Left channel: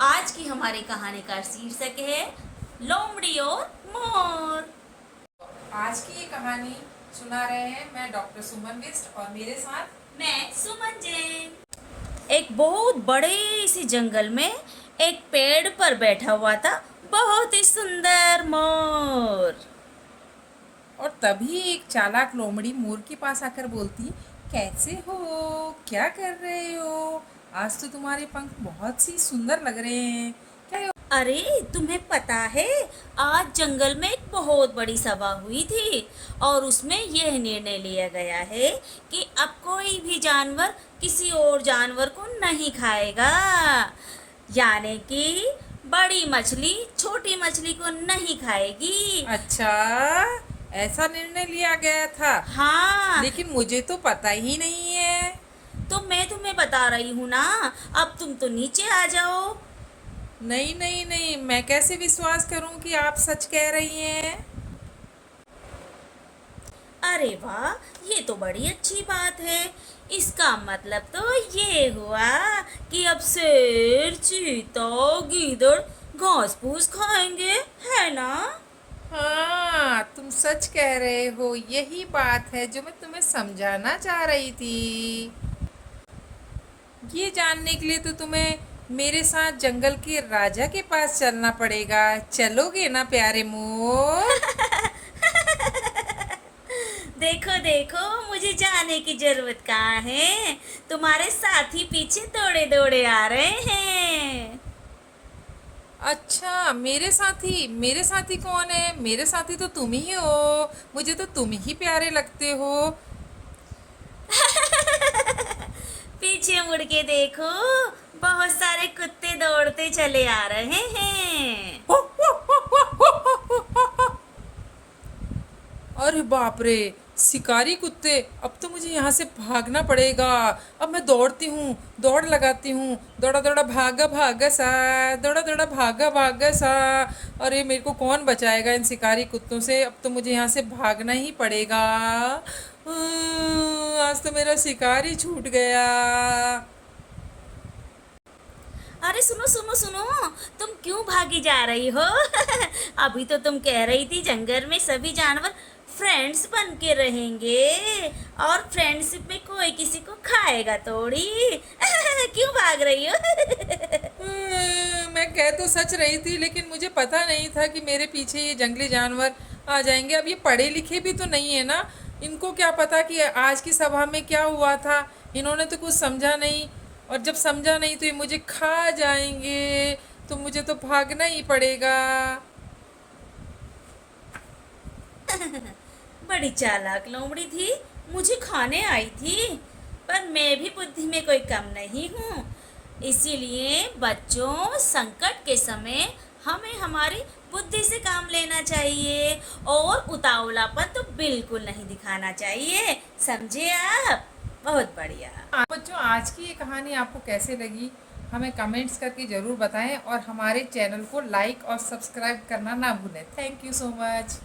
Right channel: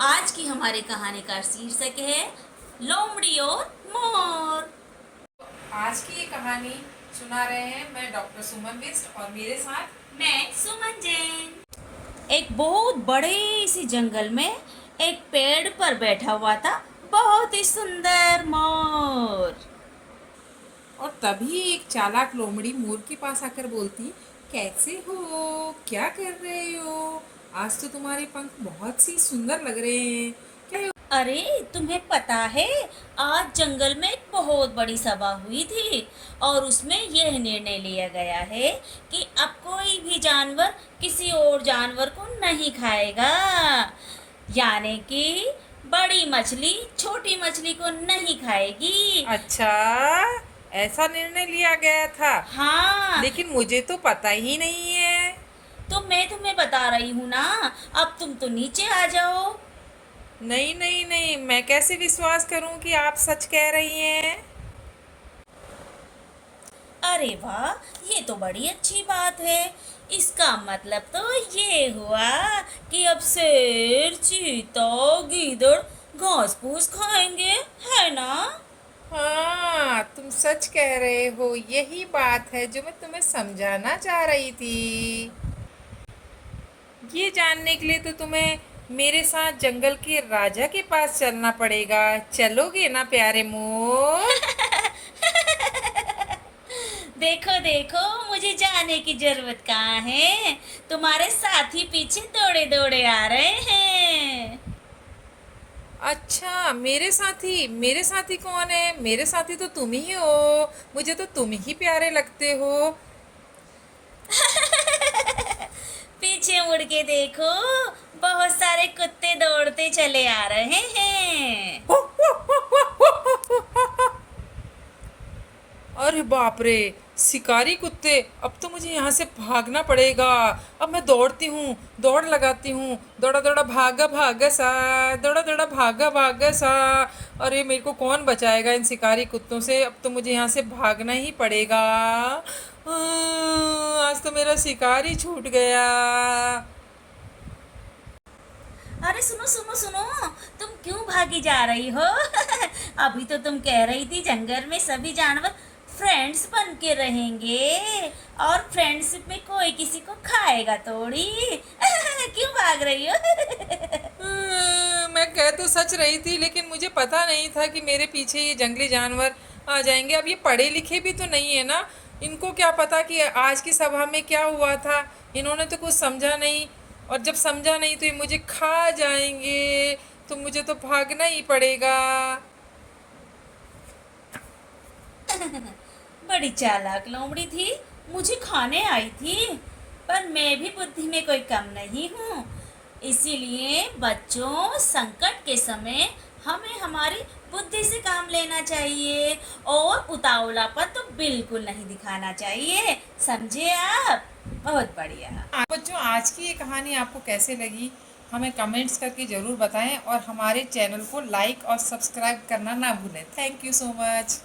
आज की हमारी कहानी का शीर्षक है लोमड़ी और मोर। आज की ये कहानी सुना रहे हैं मैं डॉक्टर सुमन बिष्ट और मेरे साथ मैं सुमन जैन। एक बहुत बड़े से जंगल में एक पेड़ पर बैठा हुआ था बहुत ही सुंदर मोर। और तभी एक चालाक लोमड़ी मोर के पास आकर बोलती, कैसे हो, क्या कर रहे हो? आज तो तुम्हारे पंख बहुत सी सुंदर लग रहे हैं। क्या अरे तुम्हें पता है, आज जंगल में एक बहुत बड़ी सभा हुई थी और उसमें यह निर्णय लिया गया है कि अब कोई भी जानवर किसी और जानवर को नहीं खाएगा। यानी कि बड़ी मछली छोटी मछली को नहीं खाएगी। अच्छा, ऐसा निर्णय लिया गया था? हाँ, लेकिन मुझे तो पता ही नहीं है। तो मैं तुम्हें बता रही हूँ ना। अब तुम तो नीचे आ जाओ। नहीं नहीं नहीं, मैं कैसे विश्वास करूं कि आप सच कह रही हैं? अरे वाह, ये तो बड़ी अच्छी बात है। इसका मतलब तो ये हुआ कि अब शेर चीता गीदड़ घास फूस खाएंगे, है ना? हाँ, तुम सच कह रहे हो। यही बात है जो मैं तुम्हें समझाना चाह रही थी। ये जानने के लिए तो तुम्हें मेरे साथ जंगल के राजा के पास चलना पड़ेगा। चलोगे ना प्यारे मोर? देखो देखो, मुझे जाने की जरूरत कहाँ है। तुम्हारे साथी पीछे दौड़े दौड़े आ रहे हैं। अच्छा, मेरे साथी कौन है? मेरे साथी तो तुम ही हो। मुझे तो तुम ही प्यारे लगते हो। पीछे मुड़ के देखो, बहुत सारे कुत्ते दौड़ते चले आ रहे हैं। अरे बाप रे, शिकारी कुत्ते! अब तो मुझे यहाँ से भागना पड़ेगा। अब मैं दौड़ती हूँ, दौड़ लगाती हूँ। दौड़ा दौड़ा भागा भागा सा, दौड़ा दौड़ा भागा भागा सा। अरे मेरे को कौन बचाएगा इन शिकारी कुत्तों से? अब तो मुझे यहाँ से भागना ही पड़ेगा। आज तो मेरा शिकार ही छूट गया। अरे सुनो सुनो सुनो, तुम क्यों भागी जा रही हो? अभी तो तुम कह रही थी जंगल में सभी जानवर फ्रेंड्स बन के रहेंगे और फ्रेंडशिप में कोई किसी को खाएगा थोड़ी। क्यों भाग रही हो? मैं कह तो सच रही थी, लेकिन मुझे पता नहीं था कि मेरे पीछे ये जंगली जानवर आ जाएंगे। अब ये पढ़े लिखे भी तो नहीं है ना। इनको क्या पता कि आज की सभा में क्या हुआ था। इन्होंने तो कुछ समझा नहीं, और जब समझा नहीं तो ये मुझे खा जाएंगे। तो मुझे तो भागना ही पड़ेगा। बड़ी चालाक लोमड़ी थी, मुझे खाने आई थी। पर मैं भी बुद्धि में कोई कम नहीं हूँ। इसीलिए बच्चों, संकट के समय हमें हमारी बुद्धि से काम लेना चाहिए और उतावलापन तो बिल्कुल नहीं दिखाना चाहिए। समझे आप? बहुत बढ़िया। बच्चों, आज की ये कहानी आपको कैसे लगी, हमें कमेंट्स करके ज़रूर बताएं, और हमारे चैनल को लाइक और सब्सक्राइब करना ना भूलें। Thank you so much.